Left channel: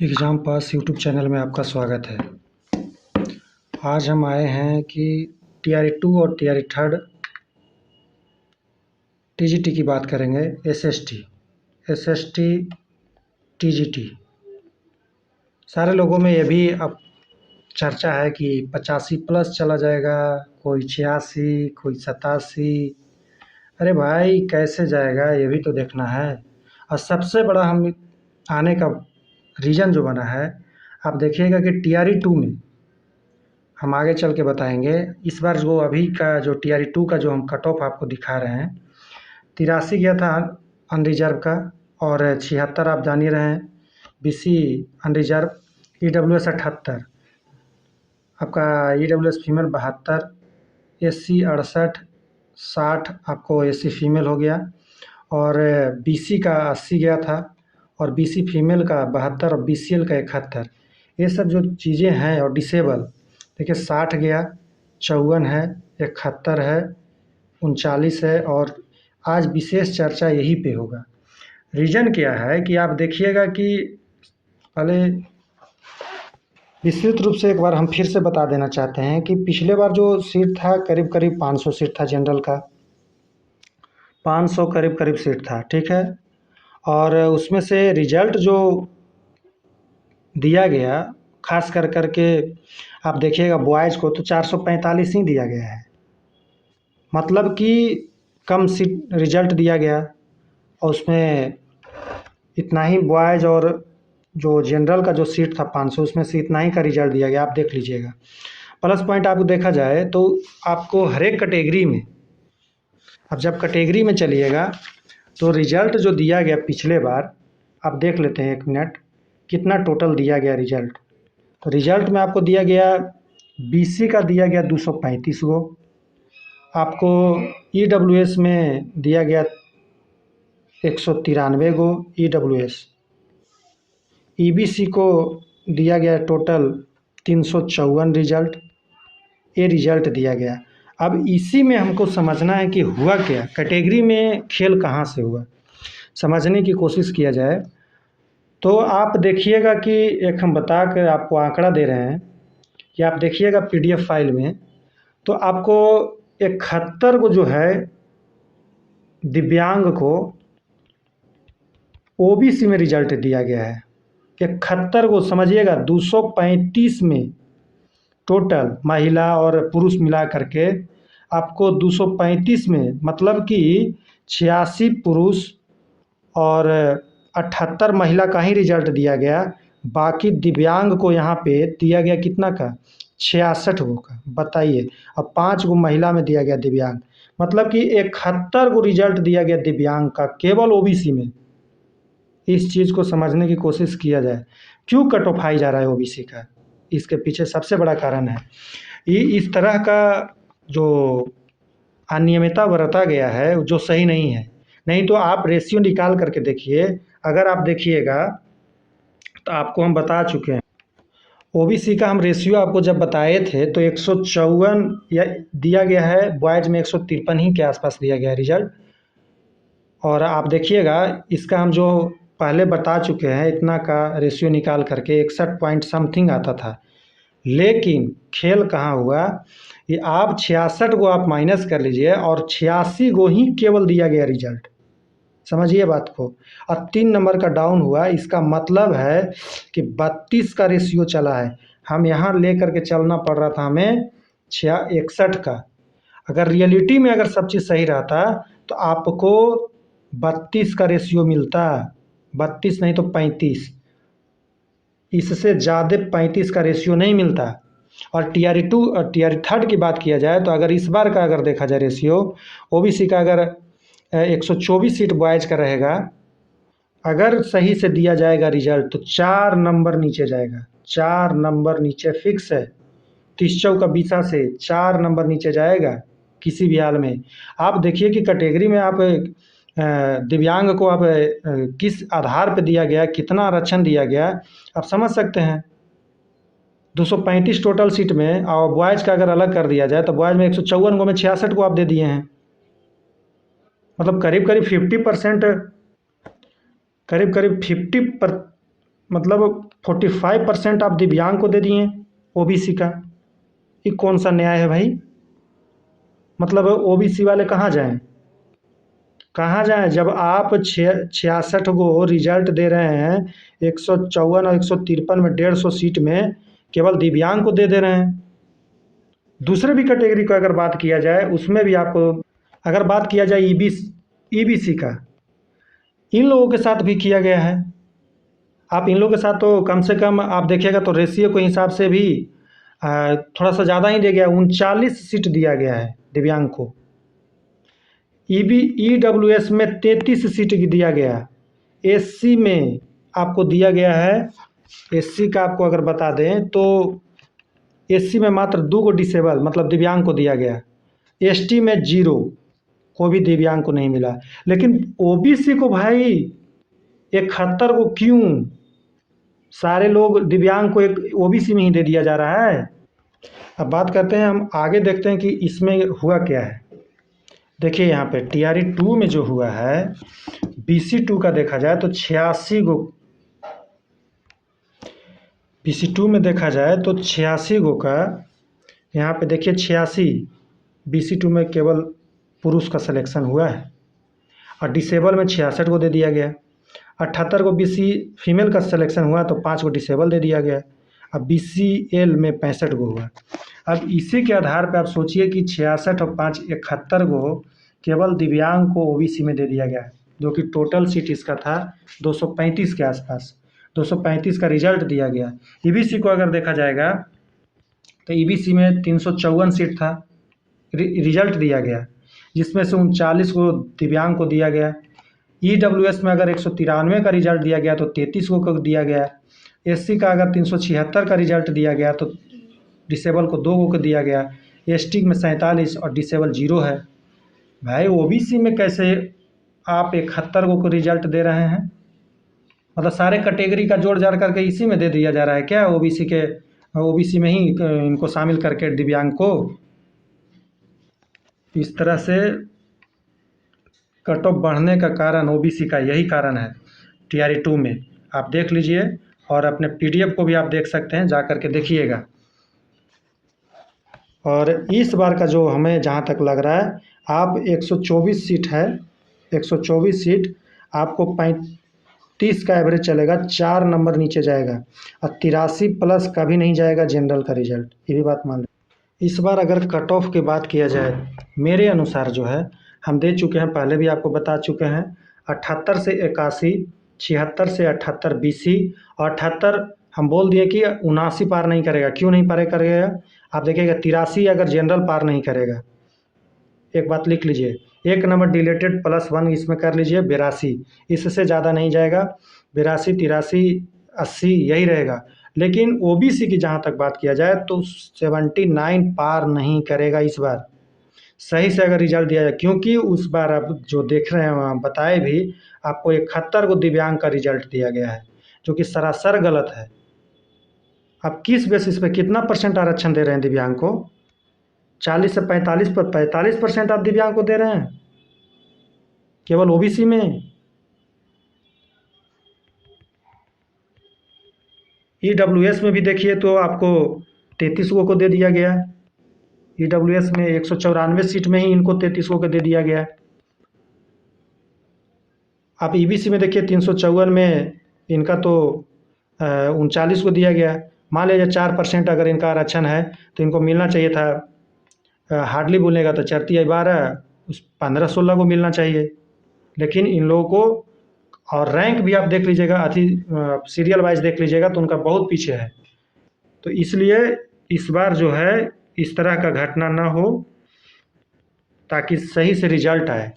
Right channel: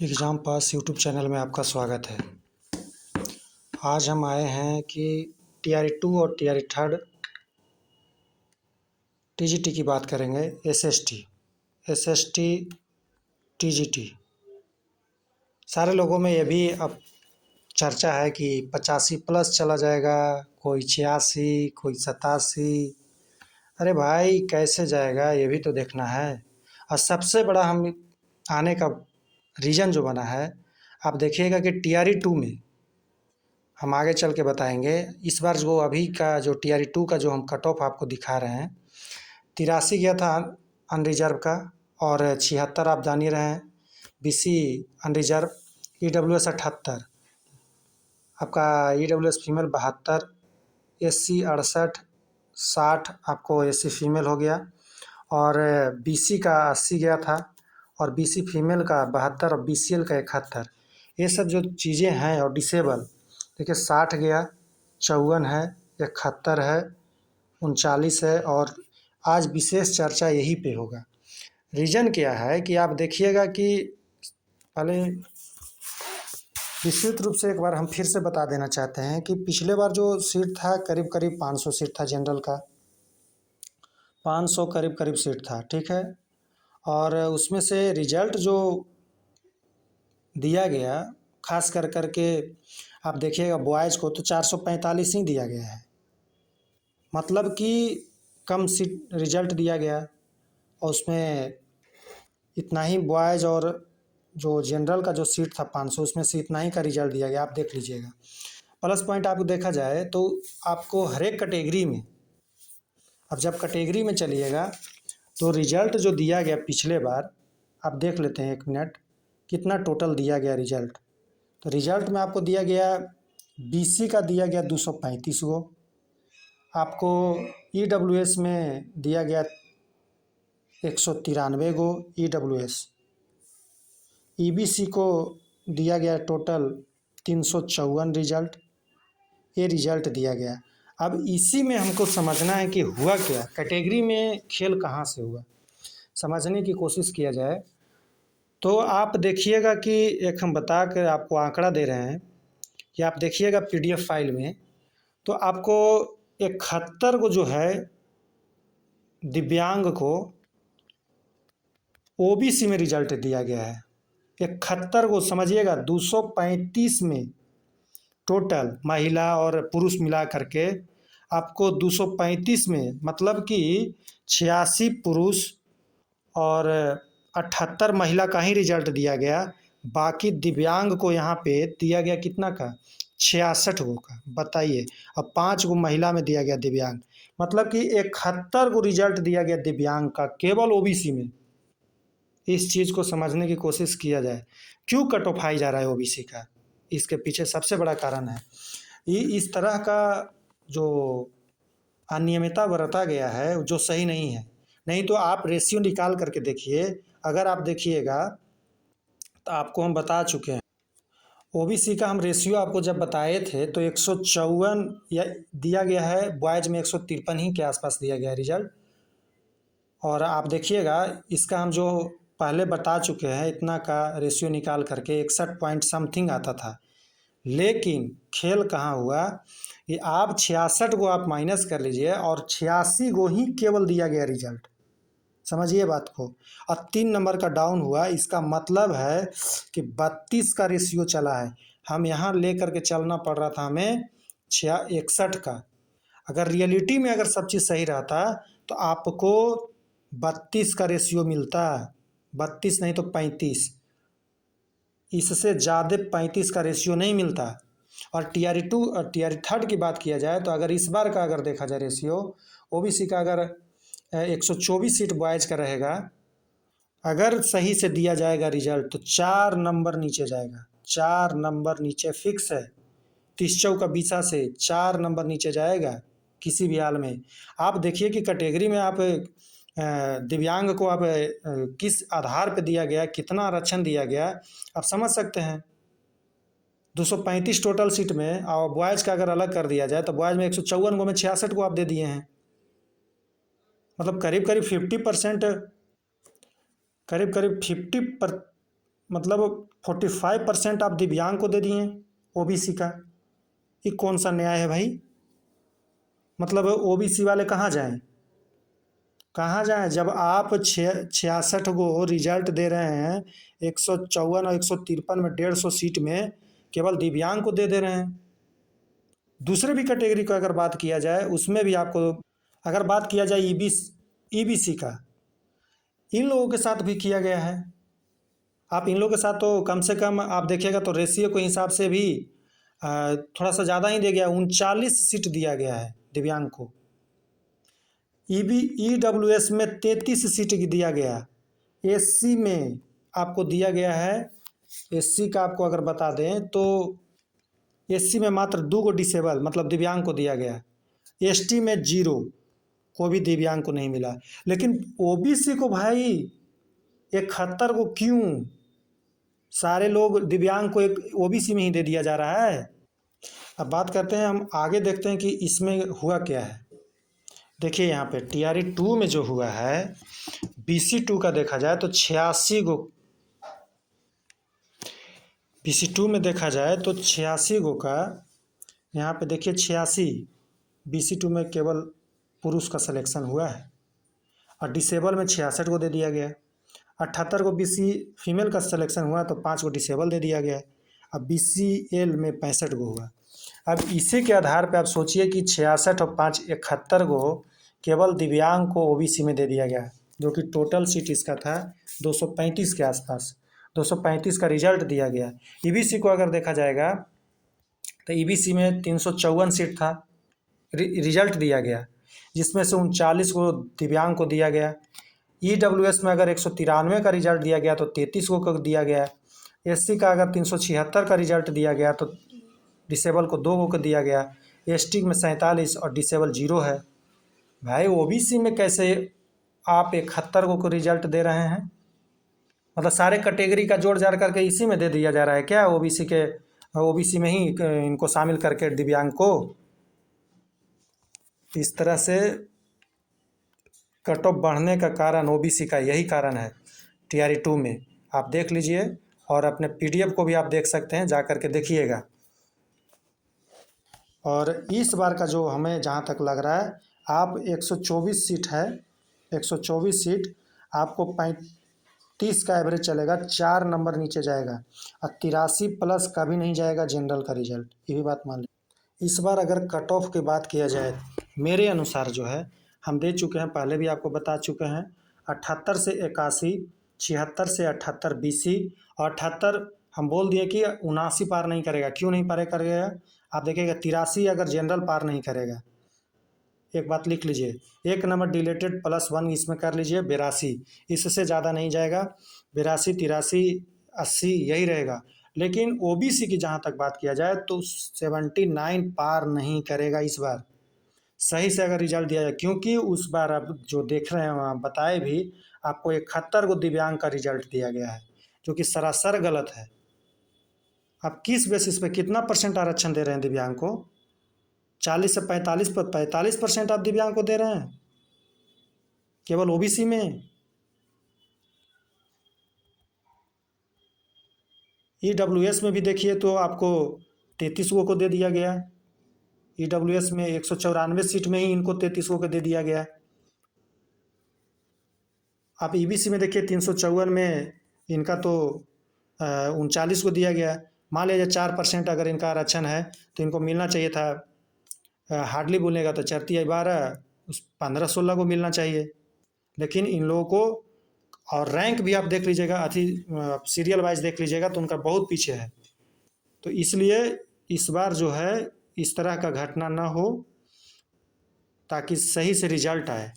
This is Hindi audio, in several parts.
एग्ज़ाम पास यूट्यूब चैनल में आपका स्वागत है। आज हम आए हैं कि टीआरई 2 और टीआरई 3 टीजीटी की बात करेंगे। एसएसटी टीजीटी सारे लोगों में ये भी अब चर्चा है कि 85 प्लस चला जाएगा, कोई 86, कोई 87। अरे भाई कैसे जाएगा ये भी तो देखना है। और सबसे बड़ा हम आने का रीज़न जो बना है, आप देखिएगा कि टीआरई 2 में हम आगे चल के बताएंगे। इस बार जो अभी का जो टीआरई 2 का जो हम कट ऑफ आपको दिखा रहे हैं, 83 गया था अनरिजर्व का, और 76 आप जान ही रहे हैं बीसी अनरिजर्व। ईडब्ल्यूएस 78, आपका ईडब्ल्यूएस फीमेल 72, एससी 68, 60 आपको एससी फीमेल हो गया, और बीसी का 80 गया था, और बीसी फीमेल का 72 और बीसीएल का 71। ये सब जो चीज़ें हैं, और डिसेबल देखिए 60 गया, 54 है, 71 है, 39 है, और आज विशेष चर्चा यही पे होगा। रीज़न क्या है कि आप देखिएगा कि पहले विस्तृत रूप से एक बार हम फिर से बता देना चाहते हैं कि पिछले बार जो सीट था करीब करीब 500 सीट था जनरल का, 500 करीब करीब सीट था, ठीक है। और उसमें से रिजल्ट जो दिया गया, खास कर करके आप देखिएगा बॉयज़ को तो 445 ही दिया गया है, मतलब कि कम सीट रिजल्ट दिया गया। और उसमें इतना ही बॉयज़, और जो जनरल का जो सीट था 500, उसमें से इतना ही का रिजल्ट दिया गया, आप देख लीजिएगा। प्लस पॉइंट आपको देखा जाए तो आपको हर एक कैटेगरी में, अब जब कैटेगरी में चलिएगा तो रिजल्ट जो दिया गया पिछले बार, आप देख लेते हैं 1 मिनट कितना टोटल दिया गया रिजल्ट। तो रिजल्ट में आपको दिया गया बीसी का दिया गया 235 गो, आपको ईडब्ल्यूएस में दिया गया 193 गो ईडब्ल्यूएस, ईबीसी को दिया गया टोटल 354 रिजल्ट, ये रिजल्ट दिया गया। अब इसी में हमको समझना है कि हुआ क्या, कैटेगरी में खेल कहाँ से हुआ, समझने की कोशिश किया जाए। तो आप देखिएगा कि एक हम बता कर आपको आंकड़ा दे रहे हैं कि आप देखिएगा पीडीएफ फाइल में, तो आपको 71 को जो है दिव्यांग को ओबीसी में रिजल्ट दिया गया है। 71 को समझिएगा, 235 में टोटल महिला और पुरुष मिला करके आपको 235 में, मतलब कि 86 पुरुष और 78 महिला का ही रिजल्ट दिया गया। बाकी दिव्यांग को यहाँ पे दिया गया कितना का, 66 गो का, बताइए। अब 5 गो महिला में दिया गया दिव्यांग, मतलब कि 71 को रिजल्ट दिया गया दिव्यांग का केवल ओबीसी में। इस चीज़ को समझने की कोशिश किया जाए, क्यों कट ऑफ हाई जा रहा है ओबीसी का, इसके पीछे सबसे बड़ा कारण है ये इस तरह का जो अनियमितता बरता गया है, जो सही नहीं है। नहीं तो आप रेशियो निकाल करके देखिए, अगर आप देखिएगा तो आपको हम बता चुके हैं। ओबीसी का हम रेशियो आपको जब बताए थे तो 154 या दिया गया है, बॉयज़ में 153 ही के आसपास दिया गया है रिजल्ट। और आप देखिएगा इसका हम जो पहले बता चुके हैं, इतना का रेशियो निकाल करके 61 पॉइंट समथिंग आता था। लेकिन खेल कहाँ हुआ, ये आप 66 को आप माइनस कर लीजिए, और 86 को ही केवल दिया गया रिजल्ट, समझिए बात को। और 3 नंबर का डाउन हुआ, इसका मतलब है कि 32 का रेशियो चला है। हम यहाँ ले करके चलना पड़ रहा था हमें 61 का। अगर रियलिटी में अगर सब चीज़ सही रहता तो आपको 32 का रेशियो मिलता, 32 नहीं तो 35, इससे ज़्यादा 35 का रेशियो नहीं मिलता। और टीआरई 2 और टीआरई 3 की बात किया जाए तो अगर इस बार का अगर देखा जाए रेशियो, ओबीसी का अगर 124 सीट बॉयज़ का रहेगा, अगर सही से दिया जाएगा रिजल्ट तो 4 नंबर नीचे जाएगा, 4 नंबर नीचे फिक्स है। 30 का बीसा से 4 नंबर नीचे जाएगा किसी भी हाल में। आप देखिए कि कैटेगरी में आप दिव्यांग को आप किस आधार पे दिया गया, कितना आरक्षण दिया गया, आप समझ सकते हैं। 235 टोटल सीट में, और बॉयज़ का अगर अलग कर दिया जाए तो बॉयज़ में 154 को में 66 को आप दे दिए हैं, मतलब करीब करीब 50%, करीब करीब मतलब 45% आप दिव्यांग को दे दिए ओबीसी का। ये कौन सा न्याय है भाई? मतलब ओबीसी वाले कहाँ जाएं? कहाँ जाएं जब आप 66 गो रिजल्ट दे रहे हैं, 154 और 153 में 150 सीट में केवल दिव्यांग को दे रहे हैं। दूसरे भी कैटेगरी का अगर बात किया जाए उसमें भी आपको, अगर बात किया जाए ईबीसी का, इन लोगों के साथ भी किया गया है। आप इन लोगों के साथ तो कम से कम आप देखिएगा तो रेशियो के हिसाब से भी थोड़ा सा ज़्यादा ही दे गया, 39 सीट दिया गया है दिव्यांग को। ईडब्ल्यूएस में 33 सीट दिया गया। एससी में आपको दिया गया है, एससी का आपको अगर बता दें तो एससी में मात्र 2 गो डिसेबल मतलब दिव्यांग को दिया गया। एसटी में 0, को भी दिव्यांग को नहीं मिला। लेकिन ओबीसी को भाई 71 को क्यों? सारे लोग दिव्यांग को एक ओबीसी में ही दे दिया जा रहा है। अब बात करते हैं, हम आगे देखते हैं कि इसमें हुआ क्या है। देखिए यहाँ पे टीआरई 2 में जो हुआ है, बीसी 2 का देखा जाए तो 86 गो, बीसी 2 में देखा जाए तो 86 गो का, यहाँ पे देखिए 86, बीसी 2 में केवल पुरुष का सिलेक्शन हुआ है और डिसेबल में 66 को दे दिया गया। 78 को बीसी फीमेल का सिलेक्शन हुआ तो 5 को डिसेबल दे दिया गया। अब बीसीएल में 65 गो हुआ। अब इसी के आधार पर आप सोचिए कि 66 और 5 71 गो केवल दिव्यांग को ओबीसी में दे दिया गया, जो कि टोटल सीट इसका था 235 के आसपास। 235 का रिजल्ट दिया गया। ईबीसी को अगर देखा जाएगा तो ईबीसी में 354 सीट था, रिजल्ट दिया गया, जिसमें से 39 को दिव्यांग को दिया गया। ईडब्ल्यूएस में अगर 193 का रिजल्ट दिया गया तो 33 को दिया गया। एससी का अगर 376 का रिजल्ट दिया गया तो डिसेबल को 2 को दिया गया। एसटी में 47 और डिसेबल 0 है। भाई ओबीसी में कैसे आप 71 को रिजल्ट दे रहे हैं? मतलब सारे कैटेगरी का जोड़ जाड़ करके इसी में दे दिया जा रहा है क्या? ओबीसी में ही इनको शामिल करके दिव्यांग को इस तरह से कट ऑफ बढ़ने का कारण ओबीसी का यही कारण है। टीआरई 2 में आप देख लीजिए और अपने पीडीएफ को भी आप देख सकते हैं, जा कर के देखिएगा। और इस बार का जो हमें जहाँ तक लग रहा है, आप 124 सीट है, 124 सीट आपको 35 का एवरेज चलेगा, 4 नंबर नीचे जाएगा और 83 प्लस कभी नहीं जाएगा जनरल का रिजल्ट, ये भी बात मान। इस बार अगर कट ऑफ की बात किया जाए, मेरे अनुसार जो है हम दे चुके हैं, पहले भी आपको बता चुके हैं, 78 से 81, 76 से 78 बीसी और 78 हम बोल दिए कि 79 पार नहीं करेगा। क्यों नहीं पार करेगा? आप देखिएगा 83 अगर जनरल पार नहीं करेगा, एक बात लिख लीजिए, 1 नंबर डिलेटेड +1 इसमें कर लीजिए 82, इससे ज़्यादा नहीं जाएगा। 82, 83, 80 यही रहेगा। लेकिन ओबीसी की जहाँ तक बात किया जाए तो 79 पार नहीं करेगा इस बार, सही से अगर रिजल्ट दिया जाए। क्योंकि उस बार आप जो देख रहे हैं वहाँ बताए भी, आपको 71 को दिव्यांग का रिजल्ट दिया गया है, जो कि सरासर गलत है। आप किस बेसिस पे कितना % आरक्षण दे रहे हैं दिव्यांग को? 40 से 45 पर 45% आप दिव्यांग को दे रहे हैं केवल ओबीसी में। ईडब्ल्यूएस में भी देखिए तो आपको 33 को दे दिया गया। ईडब्ल्यूएस में 194 सीट में ही इनको 33 को दे दिया गया। आप ईबीसी में देखिए 354 में इनका तो 39 को दिया गया। मान लीजिए 4% अगर इनका आरक्षण है तो इनको मिलना चाहिए था, हार्डली बोलेगा तो 4 या 12, 15-16 को मिलना चाहिए। लेकिन इन लोगों को, और रैंक भी आप देख लीजिएगा, सीरियल वाइज देख लीजिएगा तो उनका बहुत पीछे है। तो इसलिए इस बार जो है इस तरह का घटना ना हो, ताकि सही से रिजल्ट आए।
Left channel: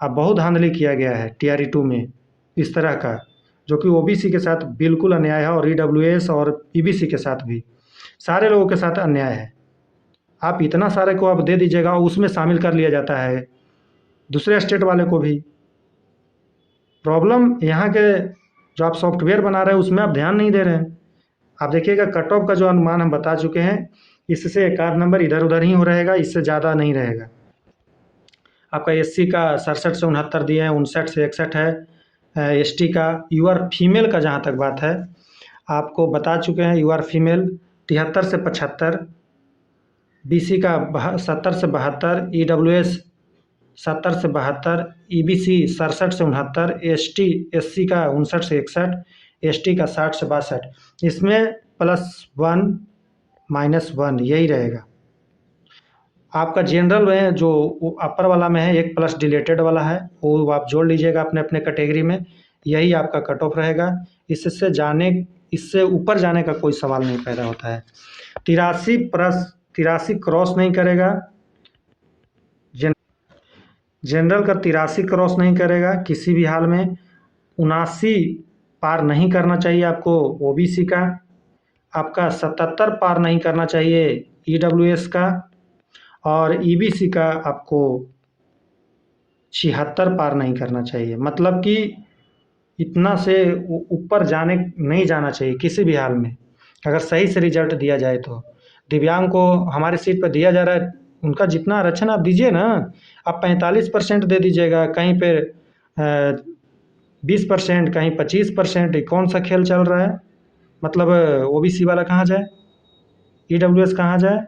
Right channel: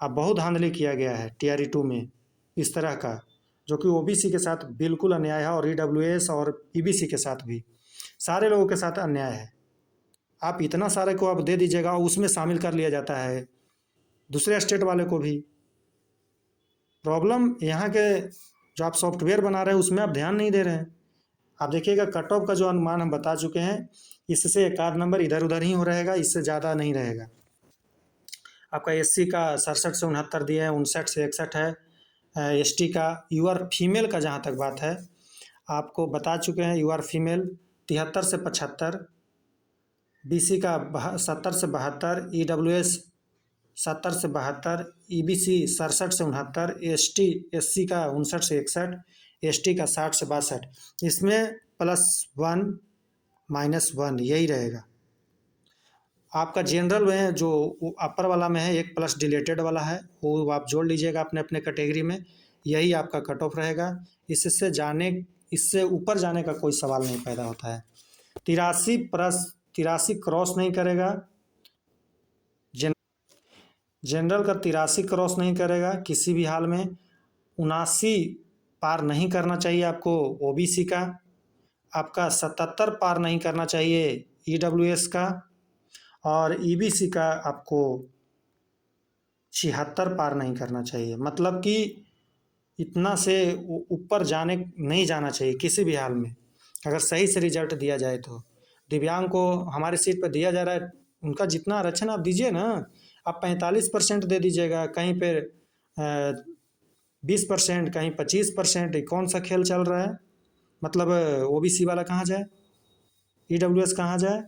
अब बहुत धांधली किया गया है टीआरई 2 में इस तरह का, जो कि ओबीसी के साथ बिल्कुल अन्याय है और ईडब्ल्यूएस और ईबीसी के साथ भी, सारे लोगों के साथ अन्याय है। आप इतना सारे को आप दे दीजिएगा और उसमें शामिल कर लिया जाता है दूसरे स्टेट वाले को भी। प्रॉब्लम यहाँ के जो आप सॉफ्टवेयर बना रहे हैं उसमें आप ध्यान नहीं दे रहे हैं। आप देखिएगा कट ऑफ का जो अनुमान हम बता चुके हैं, इससे 1 नंबर इधर उधर ही हो रहेगा, इससे ज़्यादा नहीं रहेगा। आपका एससी का 67 से 69 दिए हैं, 59 से 61 है। एसटी का यूआर फीमेल का जहाँ तक बात है आपको बता चुके हैं। यू आर फीमेल 73 से 75, BC का 70 से 72, EWS 70 से 72, EBC 67 से 69, SC का 59 से 61, ST का 60 से 62। इसमें +1 -1 यही रहेगा। आपका जनरल में जो अपर वाला में है, एक प्लस डिलेटेड वाला है, वो आप जोड़ लीजिएगा अपने अपने कैटेगरी में। यही आपका कट ऑफ रहेगा। इससे ऊपर जाने का कोई सवाल नहीं पैदा होता है। 83 क्रॉस नहीं करेगा। जनरल का 83 क्रॉस नहीं करेगा किसी भी हाल में। 79 पार नहीं करना चाहिए आपको OBC का। आपका 77 पार नहीं करना चाहिए EWS का। और EBC का आपको 76 पार नहीं करना चाहिए। मतलब कि इतना से ऊपर नहीं जाना चाहिए किसी भी हाल में, अगर सही से रिजल्ट दिया जाए तो। दिव्यांग को हमारी सीट पर दिया जा रहा है, उनका जितना आरक्षण आप दीजिए ना, आप 45% दे दीजिएगा, कहीं पे 20%, कहीं 25%। कौन सा खेल चल रहा है? मतलब OBC वाला कहाँ जाए, EWS कहाँ जाए,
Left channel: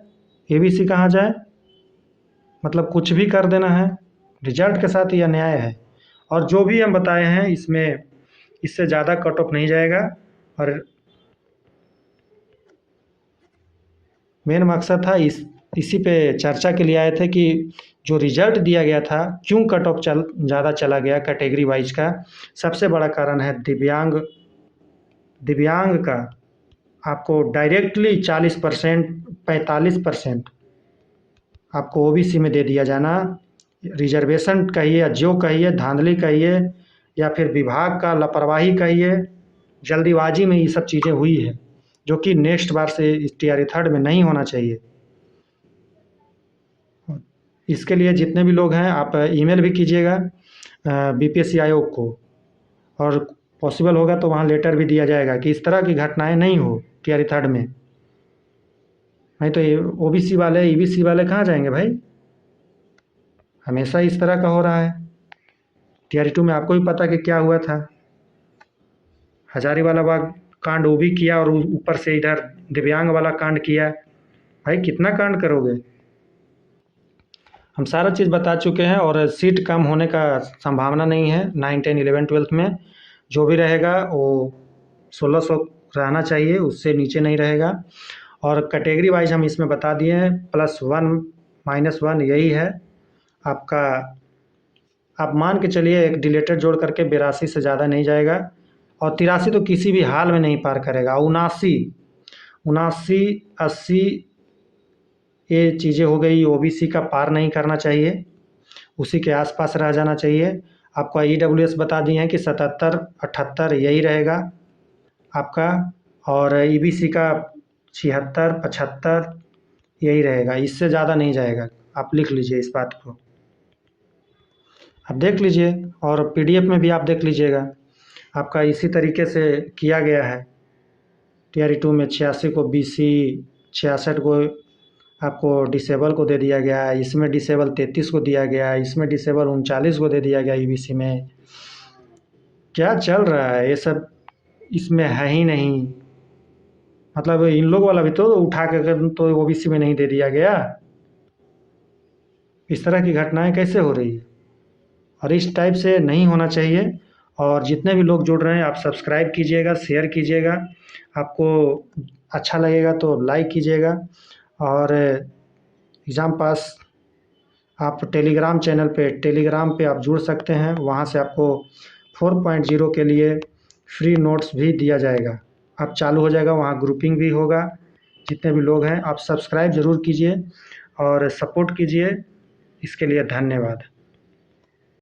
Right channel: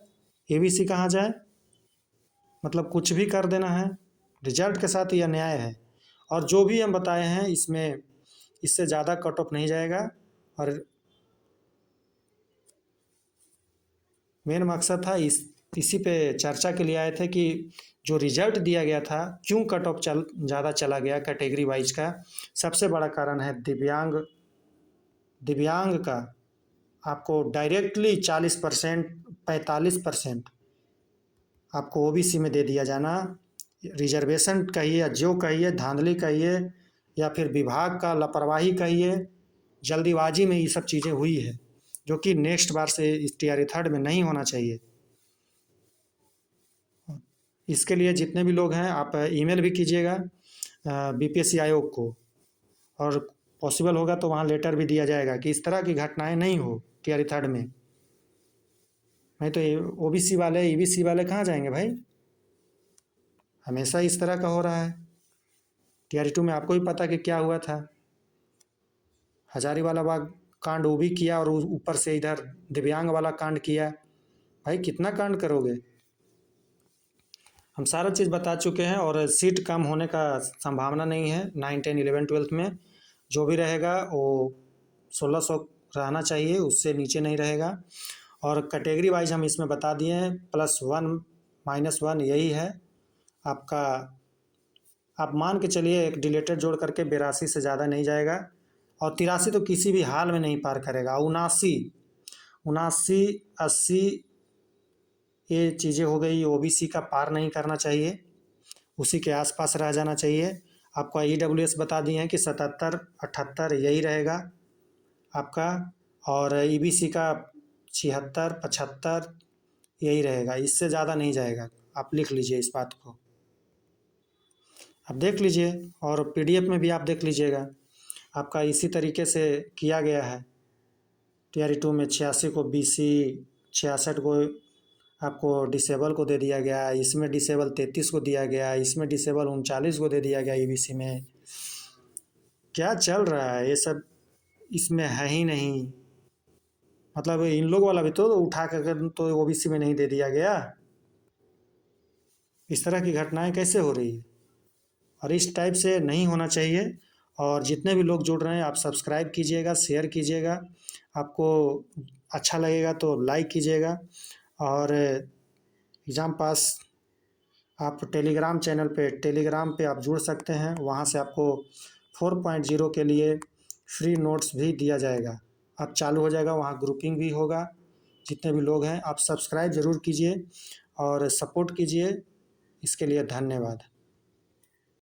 ABC कहाँ जाए? मतलब कुछ भी कर देना है। रिजल्ट के साथ यह अन्याय है। और जो भी हम बताए हैं इससे ज़्यादा कट ऑफ नहीं जाएगा। और मेन मकसद था इसी पे चर्चा के लिए आए थे कि जो रिजल्ट दिया गया था, क्यों कट ऑफ ज़्यादा चला गया कैटेगरी वाइज का। सबसे बड़ा कारण है दिव्यांग का आपको डायरेक्टली 40%, 45% आपको OBC में दे दिया जाना। रिजर्वेशन कहिए या जो कहिए, धांधली कहिए या फिर विभाग का लापरवाही कहिए, जल्दीबाजी में ये सब चीज़ें हुई है, जो कि नेक्स्ट बार से इस TRE 3rd में नहीं होना चाहिए। इसके लिए जितने भी लोग हैं, आप ईमेल भी कीजिएगा BPSC आयोग को, और पॉसिबल होगा तो वहाँ लेटर भी दिया जाएगा कि इस तरह की घटनाएं नहीं हो TRE 3rd में। नहीं तो ये OBC वाले, EBC वाले कहाँ जाएंगे भाई? हमेशा इस तरह का हो रहा है। TRE 2 में आपको भी पता कि क्या हुआ था। हजारीवाला बाग कांड वो भी किया, और ऊपर से इधर दिव्यांग वाला कांड किया। भाई कितना कांड करोगे? हम सारा चीज़ बता चुके हैं। और सीट कम होने का संभावना नहीं है 9, 10, 11, 12 में। जो भी रहेगा वो 1600 रहना चाहिए, उससे नीचे नहीं रहेगा। और कैटेगरी वाइज हम इसमें बता दिए हैं, +1 -1 यही है आपका। आप मान के चलिए एक डिलेटेड जोड़ करके 82 से ज़्यादा नहीं जाएगा। और 83 तो किसी भी हाल में नहीं पार करेगा। 79, 80 ये चीज़ें हो गई। OBC का पार नहीं करना चाहिए, उसी के आसपास रह जाना चाहिए। आपका EWS बता दिए हैं कि 77, 78 यही रहेगा आपका। और EBC का 76, 75 यही रहेगा, इससे ज़्यादा नहीं जाएगा। आप लिख लीजिए इस बात को, आप देख लीजिए। और PDF में भी आप देख लीजिएगा, आपका इसी तरीके से किया गया है। TRE 2 में 86 को BC, 66 को आपको डिसेबल को दे दिया गया है। इसमें डिसेबल 33 को दिया गया है। इसमें डिसेबल 39 को दे दिया गया EBC में। क्या चल रहा है ये सब? इसमें है ही नहीं। मतलब इन लोग वाला भी तो उठा कर तो OBC में नहीं दे दिया गया। इस तरह की घटनाएं कैसे हो रही है? और इस टाइप से नहीं होना चाहिए। और जितने भी लोग जुड़ रहे हैं, आप सब्सक्राइब कीजिएगा, शेयर कीजिएगा। आपको अच्छा लगेगा तो लाइक कीजिएगा। और एग्ज़ाम पास आप टेलीग्राम पे आप जुड़ सकते हैं। वहाँ से आपको 4.0 के लिए फ्री नोट्स भी दिया जाएगा। आप चालू हो जाएगा, वहाँ ग्रुपिंग भी होगा। जितने भी लोग हैं, आप सब्सक्राइब ज़रूर कीजिए और सपोर्ट कीजिए। इसके लिए धन्यवाद।